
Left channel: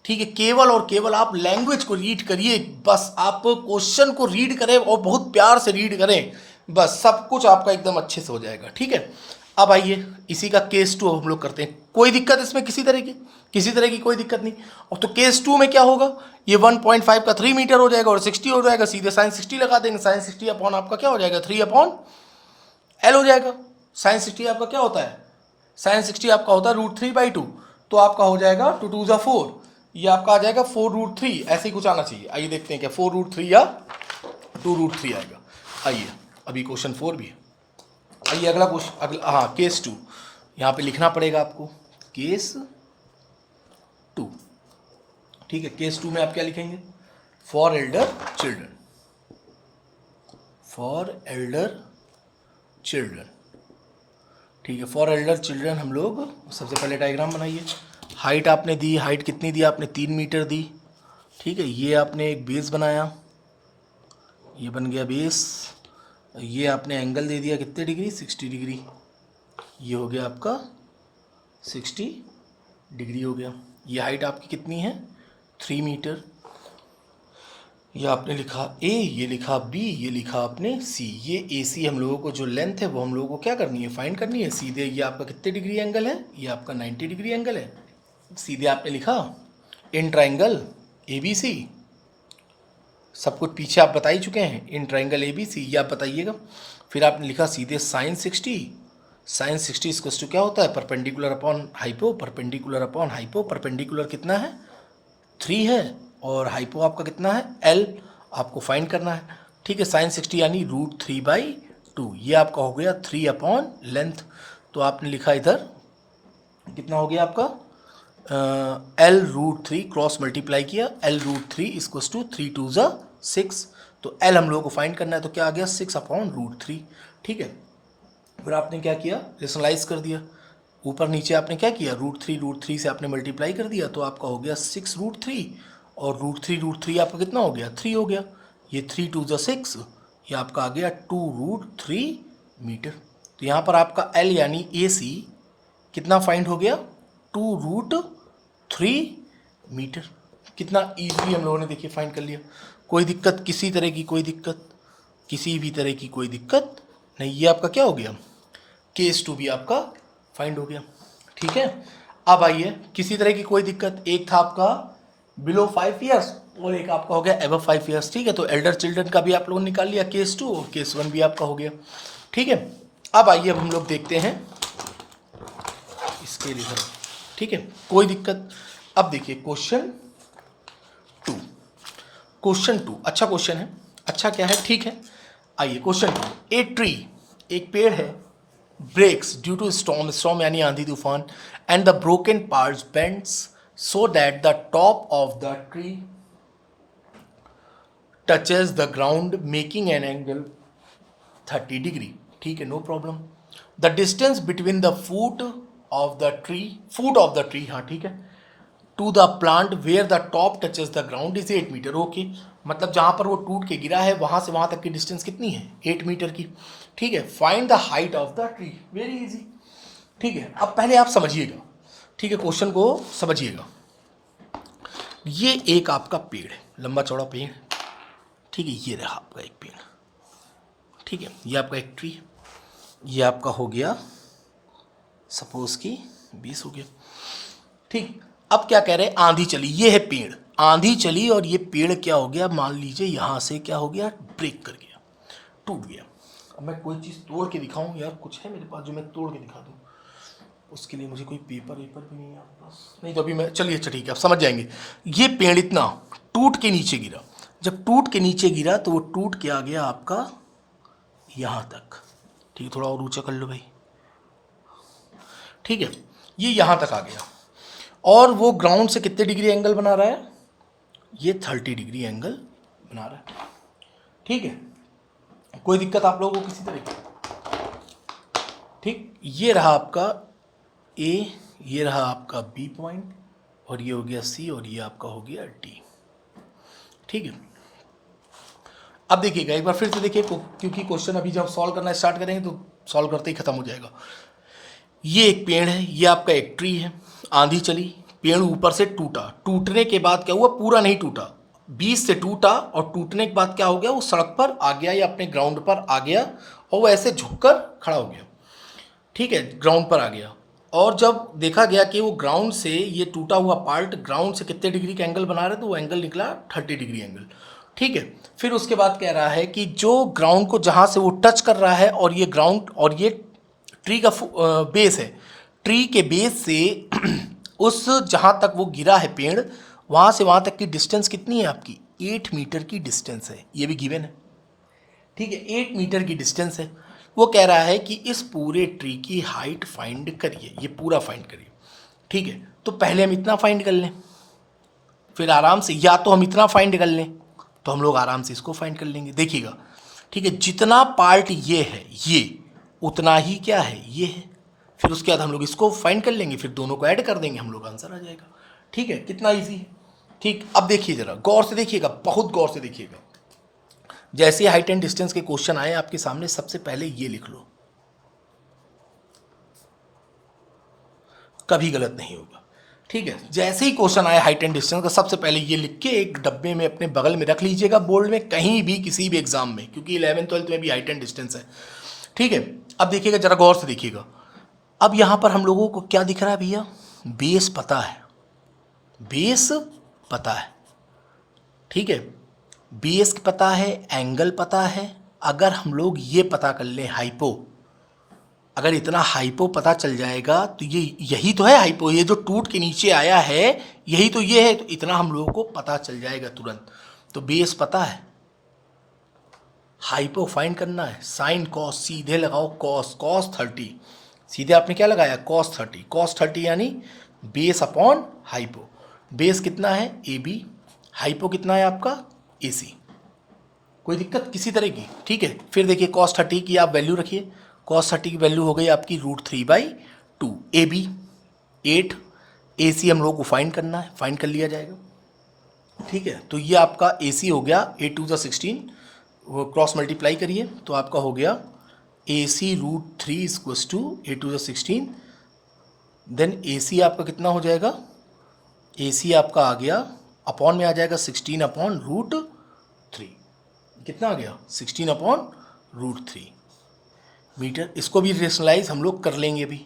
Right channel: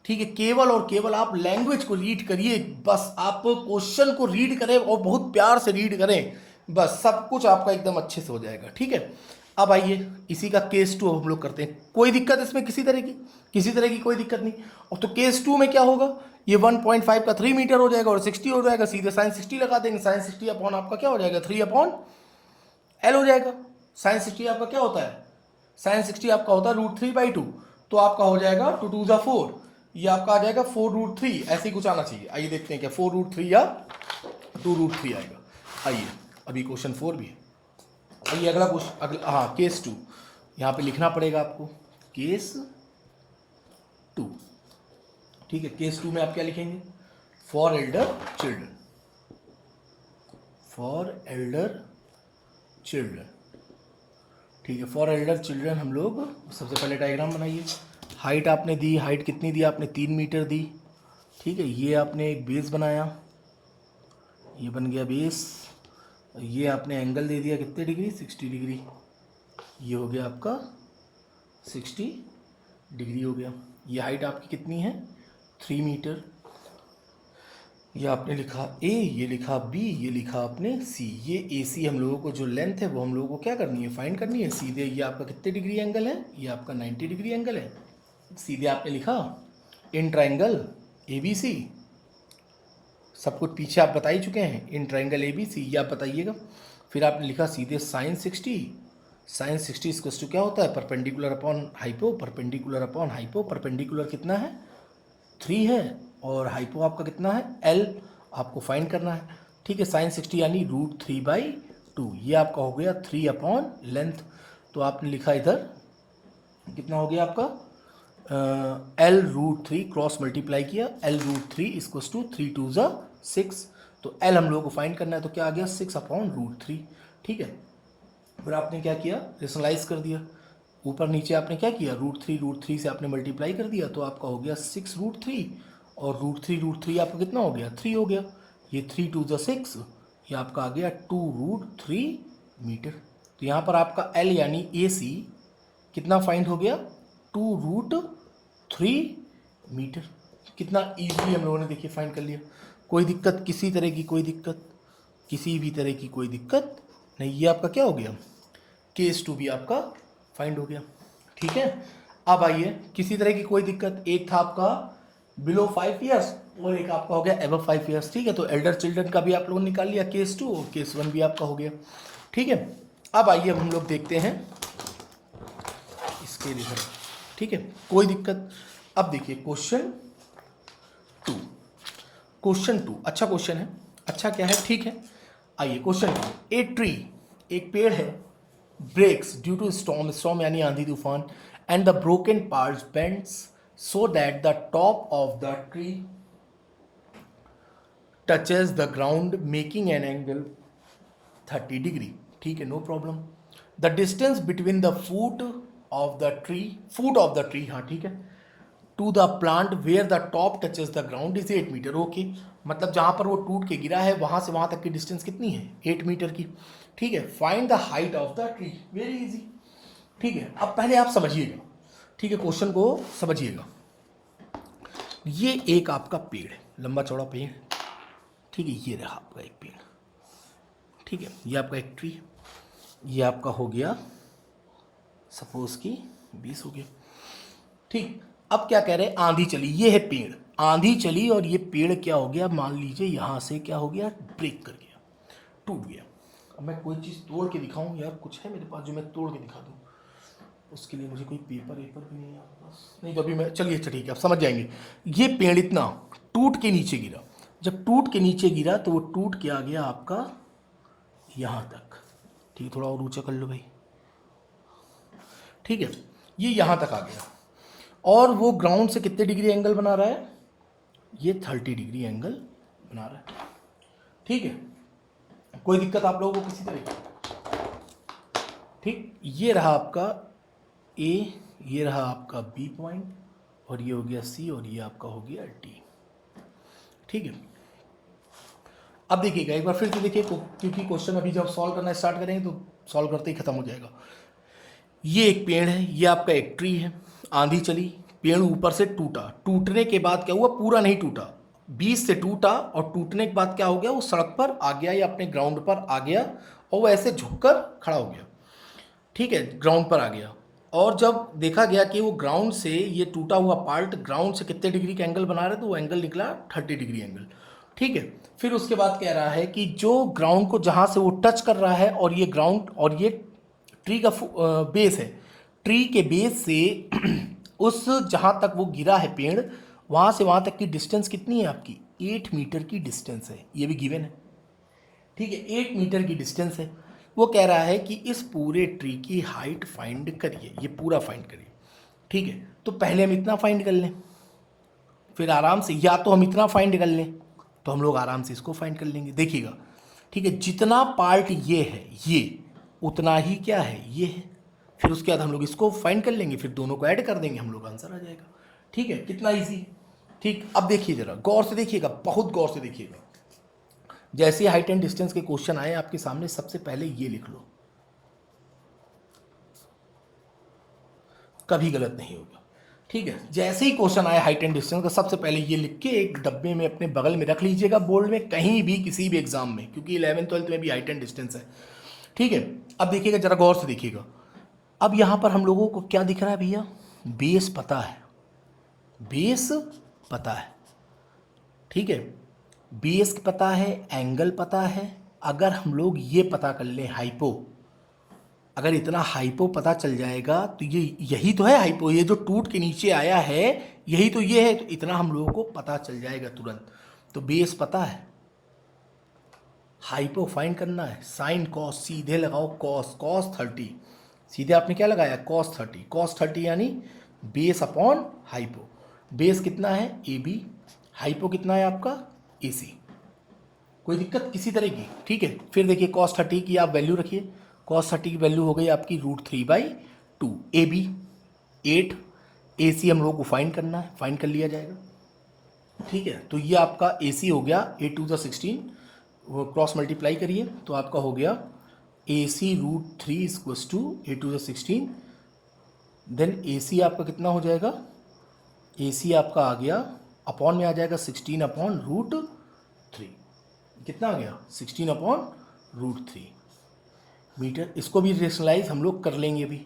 ठीक है, केवल और केवल आप लैंग्वेज को रीड करिए, बस आप क्वेश्चन को रीड करें और बहुत प्यार से रीड करें, बस सब कुछ आपका एकदम अच्छे से हो जाएगा। ठीक है, अब आइए इसी का केस 2 हम लोग करते हैं। कोई दिक्कत इसमें किसी तरह की कोई दिक्कत नहीं। और तो केस 2 में क्या होगा, ये 1.5 का 3 मीटर हो जाएगा और 60 हो जाएगा, सीधे साइन 60 लगा देंगे। साइन 60 अपॉन आपका क्या हो जाएगा 3/L हो जाएगा। साइन 60 आपका क्या होता है, साइन 60 आपका होता है √3/2, तो आपका हो जाएगा 2 2 × 4, ये आपका आ जाएगा 4√3, ऐसे ही कुछ आना चाहिए। आइए देखते हैं क्या 4√3 या 2√3 आएगा। आइए अभी क्वेश्चन 4 भी है। आइए अगला क्वेश्चन, हाँ केस 2 यहाँ पे लिखना पड़ेगा आपको, केस 2। ठीक है, केस 2 में आप क्या लिखेंगे, फॉर एल्डर चिल्ड्रन। ठीक है, फॉर एल्डर चिल्ड्रन हम लोग सबसे पहले डायग्राम बनाइए। हाइट आपने दी, हाइट कितनी दी आपने 3 मीटर दी। ठीक है, ये आपने एक बेस बनाया, ये बन गया बेस। ये आपने एंगल दे दिया कितने डिग्री 60 डिग्री, ये हो गया आपका 60 डिग्री हो गया। ये हाइट आपकी कितनी है 3 मीटर। ये आपने लिखा A, ये लिखा B, ये लिखा आपने C। ये AC हम लोगों को जो लेंथ है वो हम लोगों को क्या करनी है, फाइंड करनी है। सीधे ये आपका कितने डिग्री एंगल है, ये आपका 90 डिग्री एंगल है। सीधे आपने लिखा इन ट्राइंगल ABC, सब कुछ पीछे आप बता ही चुके हैं, इन ट्राइंगल ABC ये आप बताइएगा। फिर आपने लिखा सीधे साइन 60 इसको क्या होता है, परपेंडिकुलर अपॉन हाइपो, परपेंडिकुलर कितना है 3 है और हाइपो आपका कितना है L, आपको फाइंड करना है। ठीक है, साइन 60 यानी √3/2, ये आपका हो गया 3 लेंथ। तो आपने लिखा इधर कितना हो गया आपका L√3, क्रॉस मल्टीप्लाई किया, L√3 = 3 2 = 6, तो L हम लोगों को फाइंड करना है, तो क्या आ गया 6/√3। ठीक है, फिर आपने क्या किया, रेशनलाइज कर दिया, ऊपर नीचे आपने क्या किया √3 से आपने मल्टीप्लाई कर दिया, तो आपका हो गया 6√3, और √3 आपका कितना हो गया 3 हो गया। ये 3 2 = 6, ये आपका आ गया 2√3 मीटर। तो यहाँ पर आपका L यानी AC कितना फाइंड हो गया 2√3 मीटर। कितना ईजिली हम लोगों ने देखिए फाइंड कर लिया, कोई दिक्कत किसी तरह की कोई दिक्कत किसी भी तरह की कोई दिक्कत नहीं। ये आपका क्या हो गया, केस 2 भी आपका फाइंड हो गया। ठीक है, अब आइए, किसी तरह की कोई दिक्कत, एक था आपका बिलो 5 ईयर्स और एक आपका हो गया एबव 5 ईयर्स। ठीक है, तो एल्डर चिल्ड्रन का भी आप लोगों ने निकाल लिया केस 2 और केस 1 भी आपका हो गया। ठीक है, अब आइए अब हम लोग देखते हैं इसके लिए। ठीक है, कोई दिक्कत। अब देखिए क्वेश्चन 2, क्वेश्चन 2 अच्छा क्वेश्चन है, अच्छा क्या है, ठीक है। आइए क्वेश्चन 2, ए ट्री, एक पेड़ है, breaks due to storm, storm यानी आंधी तूफान, and the broken parts bends so that the top of the tree touches the ground making an angle 30 degree. ठीक है, no problem. The distance between the foot of the tree, हाँ ठीक है, to the plant where the top touches the ground is 8 metre. Okay, मतलब जहाँ पर वो टूट के गिरा है वहाँ से वहाँ तक की डिस्टेंस कितनी है, 8 मीटर की। ठीक है, find the height of the tree, very easy. ठीक है, अब पहले आप समझिएगा, ठीक है, क्वेश्चन को समझिएगा। ये एक आपका पेड़ है, लंबा चौड़ा पेड़, ठीक है, ये रहा आपका एक पेड़। ठीक है, ये आपका एक ट्री, ये आपका हो गया सपोज कि 20 हो गया। ठीक, अब क्या कह रहे हैं, आंधी चली, ये है पेड़, आंधी चली और ये पेड़ क्या हो गया, मान लीजिए यहाँ से क्या हो गया, ब्रेक कर गया, टूट गया। अब मैं कोई चीज़ तोड़ के दिखाऊं यार, कुछ है मेरे पास जो मैं तोड़ के दिखा दूं, उसके लिए मुझे कोई पेपर वेपर भी नहीं है आपके पास, नहीं तो अभी मैं, चलिए अच्छा ठीक है, आप समझ जाएंगे। ये पेड़ इतना टूट के नीचे गिरा, जब टूट के नीचे गिरा तो वो टूट के आ गया आपका यहाँ तक। ठीक है, थोड़ा और ऊंचा कर लो भाई। ठीक है, ये यहाँ तक आ गया और वो ग्राउंड से कितने डिग्री एंगल बना रहा है, ये 30 डिग्री एंगल बना रहा है। ठीक है, कोई दिक्कत आप लोगों को किसी तरह की। ठीक, ये रहा आपका ए, ये रहा आपका बी पॉइंट, और ये हो गया सी, और ये आपका हो गया डी। ठीक है, अब देखिएगा एक बार फिर से देखिए, क्योंकि क्वेश्चन अभी जब सॉल्व करना स्टार्ट करेंगे तो सॉल्व करते ही खत्म हो जाएगा। ये एक पेड़ है, ये आपका एक ट्री है, आंधी चली, पेड़ ऊपर से टूटा, टूटने के बाद क्या हुआ, पूरा नहीं टूटा, 20 से टूटा, और टूटने के बाद क्या हो गया, वो सड़क पर आ गया या अपने ग्राउंड पर आ गया, और वो ऐसे झुककर खड़ा हो गया। ठीक है, ग्राउंड पर आ गया, और जब देखा गया कि वो ग्राउंड से ये टूटा हुआ पार्ट ग्राउंड से कितने डिग्री का एंगल बना रहे, तो वो एंगल निकला 30 डिग्री एंगल। ठीक है, फिर उसके बाद कह रहा है कि जो ग्राउंड को जहाँ से वो टच कर रहा है, और ये ग्राउंड और ये ट्री का बेस है, ट्री के बेस से उस जहाँ तक वो गिरा है पेड़, वहाँ से वहाँ तक की डिस्टेंस कितनी है आपकी, 8 मीटर की डिस्टेंस है, ये भी गिवन है। ठीक है, 8 मीटर की डिस्टेंस है। वो कह रहा है कि इस पूरे ट्री की हाइट फाइंड करिए, ये पूरा फाइंड करिए। ठीक है, तो पहले हम इतना फाइंड कर लें, फिर आराम से, या तो हम इतना फाइंड कर लें, तो हम लोग आराम से इसको फाइंड कर लेंगे। देखिएगा, ठीक है, जितना पार्ट ये है, ये उतना ही क्या है, ये है, फिर उसके बाद हम लोग इसको फाइंड कर लेंगे, फिर दोनों को ऐड कर देंगे, हम लोग आंसर आ जाएगा। ठीक है, कितना ईजी। ठीक, अब देखिए जरा गौर से देखिएगा, बहुत गौर से देखिएगा। जैसे हाइट एंड डिस्टेंस के क्वेश्चन आए आपके सामने, सबसे पहले ये लिख लो, कभी गलत नहीं होगा। ठीक है, जैसे ही क्वेश्चन आए हाइट एंड डिस्टेंस का, सबसे पहले ये लिख के एक डब्बे में अपने बगल में रख लीजिएगा, बोर्ड में, कहीं भी किसी भी एग्जाम में, क्योंकि 11th 12th में भी हाइट एंड डिस्टेंस है। ठीक है, अब देखिएगा जरा गौर से देखिएगा। अब यहाँ पर हम लोगों को क्या दिख रहा है भैया, बेस पता है, बेस पता है। ठीक है, बेस पता है, एंगल पता है। अगर हम लोग ये पता कर लें हाइपो, अगर इतना हाइपो पता चल जाएगा तो ये, यही तो है हाइपो, ये जो टूट के नीचे आया है यही तो ये है, तो इतना हम लोगों को पता चल जाएगा तुरंत। तो बेस पता है, हाइपो फाइंड करना है, साइन कॉस सीधे लगाओ, कॉस कॉस 30, सीधे आपने क्या लगाया, कॉस 30, कॉस 30 यानी बेस अपॉन हाइपो। बेस कितना है, ए बी, हाइपो कितना है आपका, ए सी। कोई दिक्कत किसी तरह की। ठीक है, फिर देखिए कॉस 30 की आप वैल्यू रखिए, कॉस 30 की वैल्यू हो गई आपकी √3/2, ए बी 8, ए सी हम लोग को फाइंड करना है, फाइंड कर लिया जाएगा। ठीक है, तो ये आपका ए सी हो गया, 8 2 16, वो क्रॉस मल्टीप्लाई करिए तो आपका हो गया ए सी √3 = 8 2 16, देन ए सी आपका कितना हो जाएगा, ए सी आपका आ गया अपॉन में आ जाएगा 16/√3, कितना आ गया 16/√3 मीटर। इसको भी रेशनलाइज हम लोग कर लेंगे भी,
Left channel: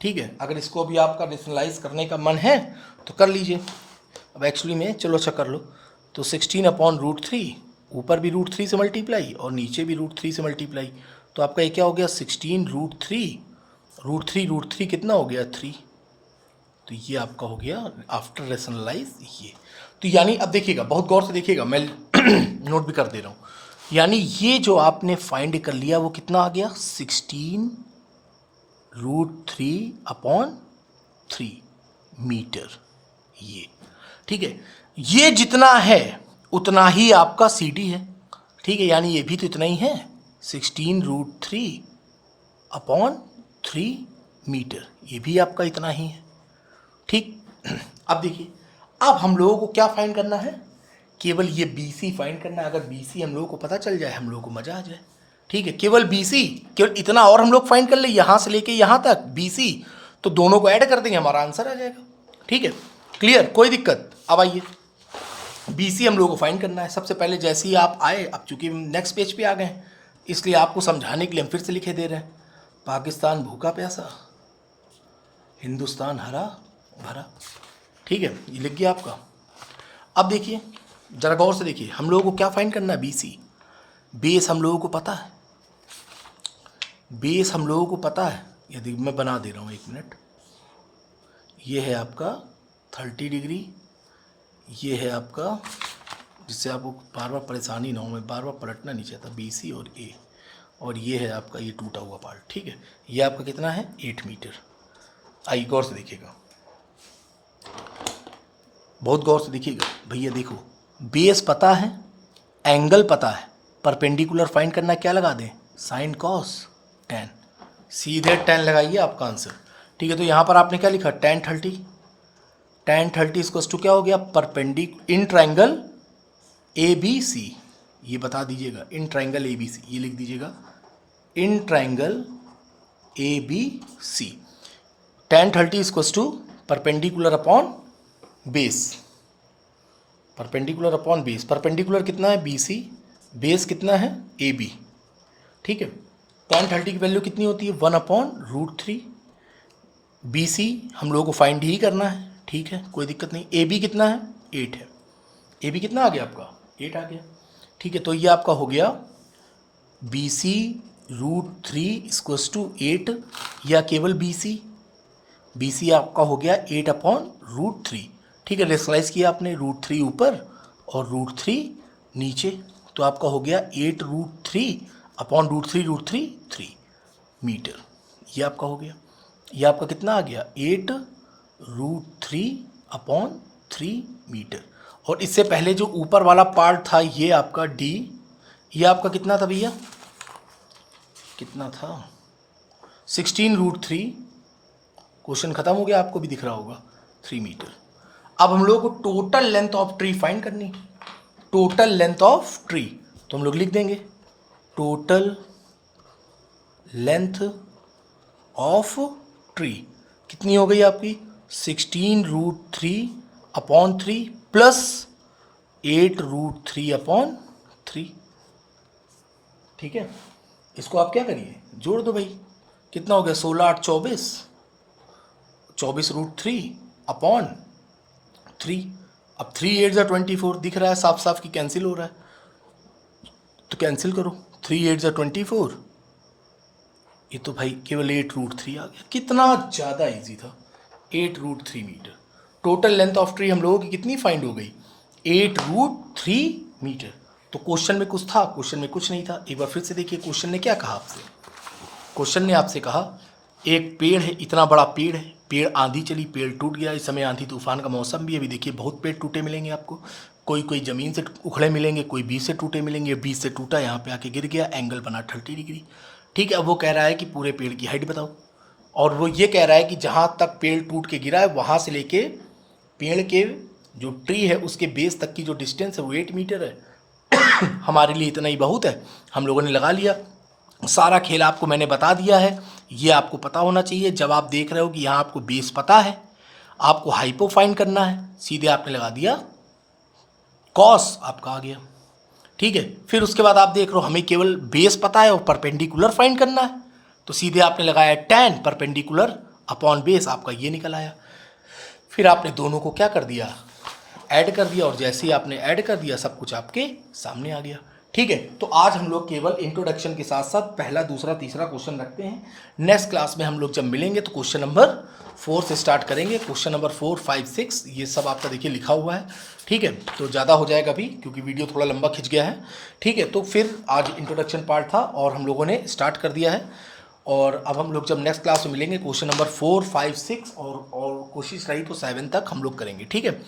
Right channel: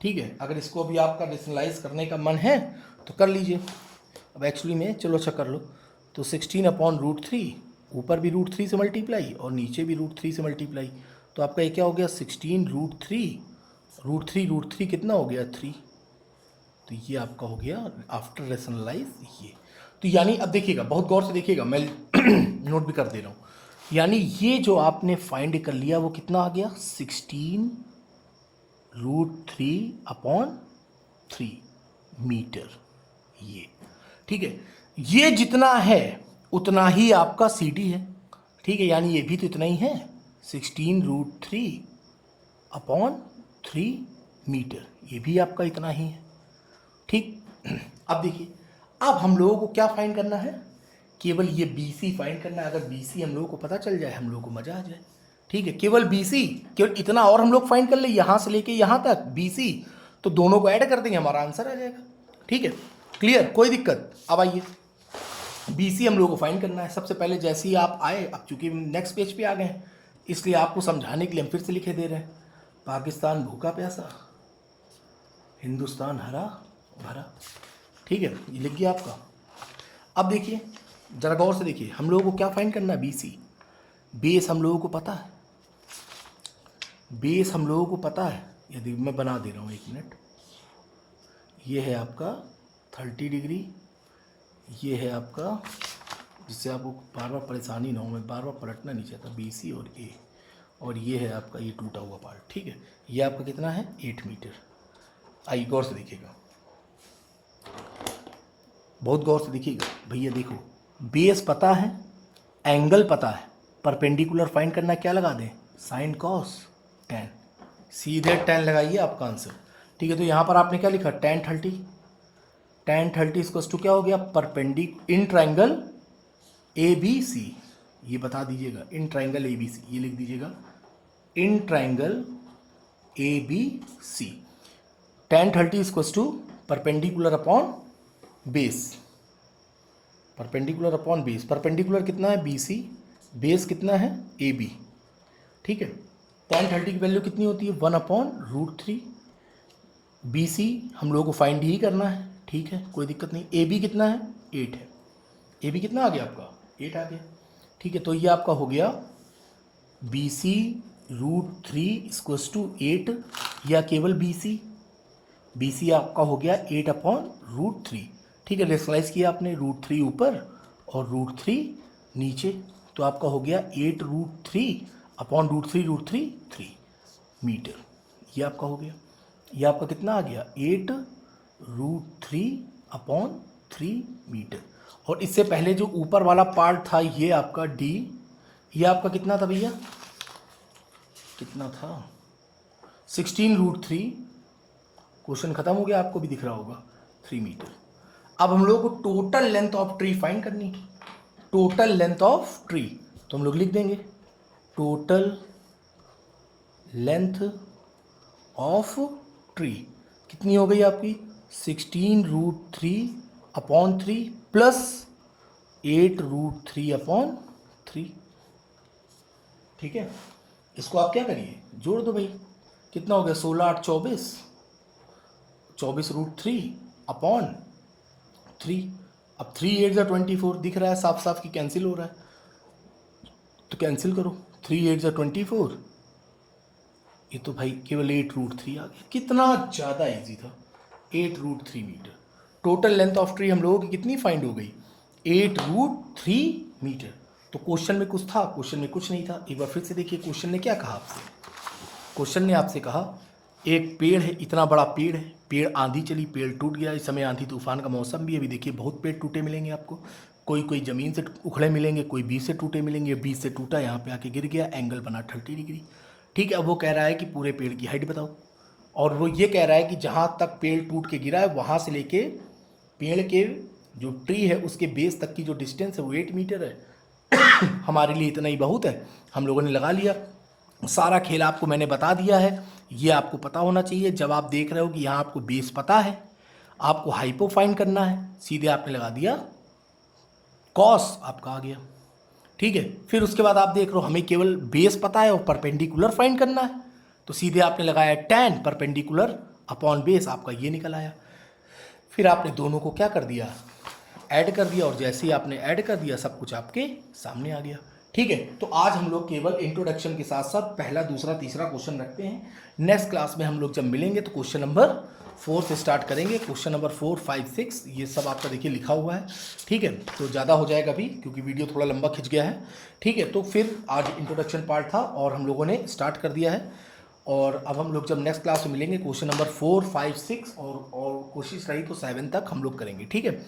ठीक है। अगर इसको भी आपका रेशनलाइज करने का मन है तो कर लीजिए। अब एक्चुअली में चलो अच्छा कर लो, तो 16/√3, ऊपर भी √3 से मल्टीप्लाई और नीचे भी √3 से मल्टीप्लाई, तो आपका ये क्या हो गया 16√3, √3 कितना हो गया 3, तो ये आपका हो गया आफ्टर रेशनलाइज ये। तो यानी अब देखिएगा, बहुत गौर से देखिएगा, मैं नोट भी कर दे रहा हूँ। यानी ये जो आपने फाइंड कर लिया वो कितना आ गया 16√3/3 मीटर, ये ठीक है। ये जितना है उतना ही आपका CD है, ठीक है। यानी ये भी तो इतना ही है 16√3/3 मीटर, ये भी आपका इतना ही है, ठीक। अब देखिए, अब हम लोगों को क्या फाइंड करना है, केवल ये BC फाइंड करना है। अगर BC हम लोगों को पता चल जाए हम लोगों को मजा आ जाए, ठीक है। केवल BC, केवल इतना और हम लोग फाइंड कर ले, यहाँ से लेके यहाँ तक BC, तो दोनों को ऐड कर देंगे, हमारा आंसर आ जाएगा, ठीक है। क्लियर, कोई दिक्कत। अब आइए BC हम लोगों को फाइंड करना है। सबसे पहले जैसे ही आप आए, अब चूंकि नेक्स्ट पेज पे आ गए हैं इसलिए आपको समझाने के लिए हम फिर से लिखे दे रहे हैं। पाकिस्तान भूखा प्यासा, हिंदुस्तान हरा भरा, ठीक है, ये लिख गया आपका। अब देखिए जरा गौर से देखिए, हम लोगों को क्या फाइंड करना है BC। बेस हम लोगों को पता है, बेस हम लोगों को पता है। यदि मैं बना दे रहा हूँ, 1 मिनट, ये है आपका 30 डिग्री, ये है आपका, जिससे आपको बार बार परेशानी ना हो, मैं बार बार पलटना नहीं चाहता, BC और A, और ये है आपका ये टूटा हुआ पार्ट, ठीक है। ये आपका कितना है 8 मीटर। आइए गौर से देखिएगा, बहुत गौर से देखिएगा भैया। देखो बेस पता है, एंगल पता है, परपेंडिकुलर फाइंड करना, क्या लगा दें sin cos tan, सीधे tan लगाइए आपका आंसर, ठीक है। तो यहाँ पर आपने क्या लिखा tan 30 इसको टू क्या हो गया इन ट्राइंगल ABC, ये बता दीजिएगा इन ट्राइंगल ABC, ये लिख दीजिएगा in triangle ABC। tan 30 equals to perpendicular upon base, perpendicular upon base. Perpendicular कितना है BC, बेस कितना है AB, ठीक है। tan 30 की वैल्यू कितनी होती है 1/√3। BC हम लोगों को फाइंड ही करना है, ठीक है, कोई दिक्कत नहीं। AB कितना है 8 है, AB कितना आ गया आपका 8 आ गया, ठीक है। तो ये आपका हो गया BC √3 इक्वल्स टू 8, या केवल BC आपका हो गया 8/√3, ठीक है। रेशनलाइज किया आपने, √3 ऊपर और √3 नीचे, तो आपका हो गया 8√3/√3 मीटर, ये आपका हो गया। ये आपका कितना आ गया 8√3/3 मीटर। और इससे पहले जो ऊपर वाला पार्ट था ये आपका D, ये आपका कितना था भैया, कितना था 16√3, क्वेश्चन खत्म हो गया, आपको भी दिख रहा होगा 3 मीटर। अब हम लोगों को total length of tree find करनी है, टोटल लेंथ ऑफ ट्री, तो हम लोग लिख देंगे टोटल लेंथ ऑफ ट्री कितनी हो गई आपकी 16√3/3 प्लस 8√3/3, ठीक है। इसको आप क्या करिए जोड़ दो भाई, कितना हो गया 16 8 24/3 अब 3 8 जा 24 दिख रहा है साफ साफ कि कैंसिल हो रहा है, तो कैंसिल करो 3 8 जा 24, ये तो भाई केवल 8√3 आ गया। कितना ज़्यादा इजी था, 8√3 metre. Total length of tree हम लोगों की कितनी फाइंड हो गई 8√3 मीटर। तो क्वेश्चन में कुछ था, क्वेश्चन में कुछ नहीं था। एक बार फिर से देखिए क्वेश्चन ने क्या कहा आपसे, क्वेश्चन ने आपसे कहा एक पेड़ है, इतना बड़ा पेड़ है, पेड़ आंधी चली, पेड़ टूट गया। इस समय आंधी तूफान का मौसम भी है, अभी देखिए बहुत पेड़ टूटे मिलेंगे आपको, कोई ज़मीन से उखड़े मिलेंगे, कोई बीच से टूटे मिलेंगे, बीच से टूटा यहाँ पे आके गिर गया, एंगल बना 30 डिग्री, ठीक है। अब वो कह रहा है कि पूरे पेड़ की हाइट बताओ, और वो ये कह रहा है कि जहाँ तक पेड़ टूट के गिरा है वहाँ से लेके पेड़ के जो ट्री है उसके बेस तक की जो डिस्टेंस है वो 8 मीटर है। हमारे लिए इतना ही बहुत है, हम लोगों ने लगा लिया। सारा खेल आपको मैंने बता दिया है, ये आपको पता होना चाहिए। जब आप देख रहे हो कि यहाँ आपको बेस पता है, आपको हाइपो फाइंड करना है, सीधे आपने लगा दिया कॉस, आपका आ गया, ठीक है। फिर उसके बाद आप देख रहे हो हमें केवल बेस पता है और परपेंडिकुलर फाइंड करना है, तो सीधे आपने लगाया tan परपेंडिकुलर अपॉन बेस, आपका ये निकल आया। फिर आपने दोनों को क्या कर दिया, ऐड कर दिया, और जैसे ही आपने ऐड कर दिया सब कुछ आपके सामने आ गया। ठीक है, तो आज हम लोग केवल इंट्रोडक्शन के साथ साथ पहला दूसरा तीसरा क्वेश्चन रखते हैं। नेक्स्ट क्लास में हम लोग जब मिलेंगे तो क्वेश्चन नंबर 4 से स्टार्ट करेंगे। क्वेश्चन नंबर 4, 5, 6 ये सब आपका देखिए लिखा हुआ है। ठीक है, तो ज़्यादा हो जाएगा अभी क्योंकि वीडियो थोड़ा लंबा खिंच गया है। ठीक है, तो फिर आज इंट्रोडक्शन पार्ट था और हम लोगों ने स्टार्ट कर दिया है, और अब हम लोग जब नेक्स्ट क्लास में मिलेंगे क्वेश्चन नंबर 4, 5, 6 और कोशिश रही तो 7 तक हम लोग करेंगे। ठीक है,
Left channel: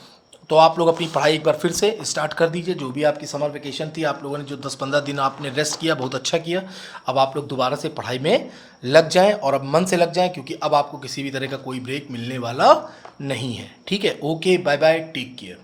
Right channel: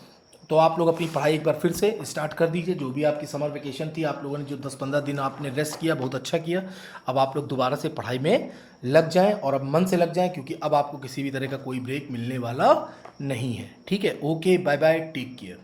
तो आप लोग अपनी पढ़ाई एक बार फिर से स्टार्ट कर दीजिए। जो भी आपकी समर वेकेशन थी, आप लोगों ने जो 10-15 दिन आपने रेस्ट किया, बहुत अच्छा किया। अब आप लोग दोबारा से पढ़ाई में लग जाएं और अब मन से लग जाएं, क्योंकि अब आपको किसी भी तरह का कोई ब्रेक मिलने वाला नहीं है। ठीक है, okay, bye bye, take care.